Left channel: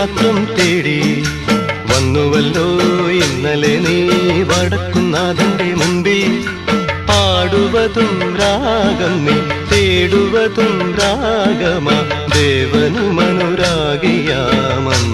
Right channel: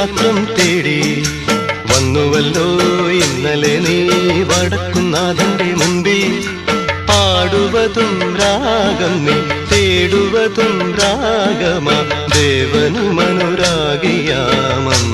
മാത്രം തേടി വന്നുവല്ലോ ഇന്നലെ നീ വടക്കുന്നാഥന്റെ മുമ്പിൽ. പാടുവതും രാഗം നീ തേടുവതും രാഗമാ ദേവനും അനുരാഗിയാമം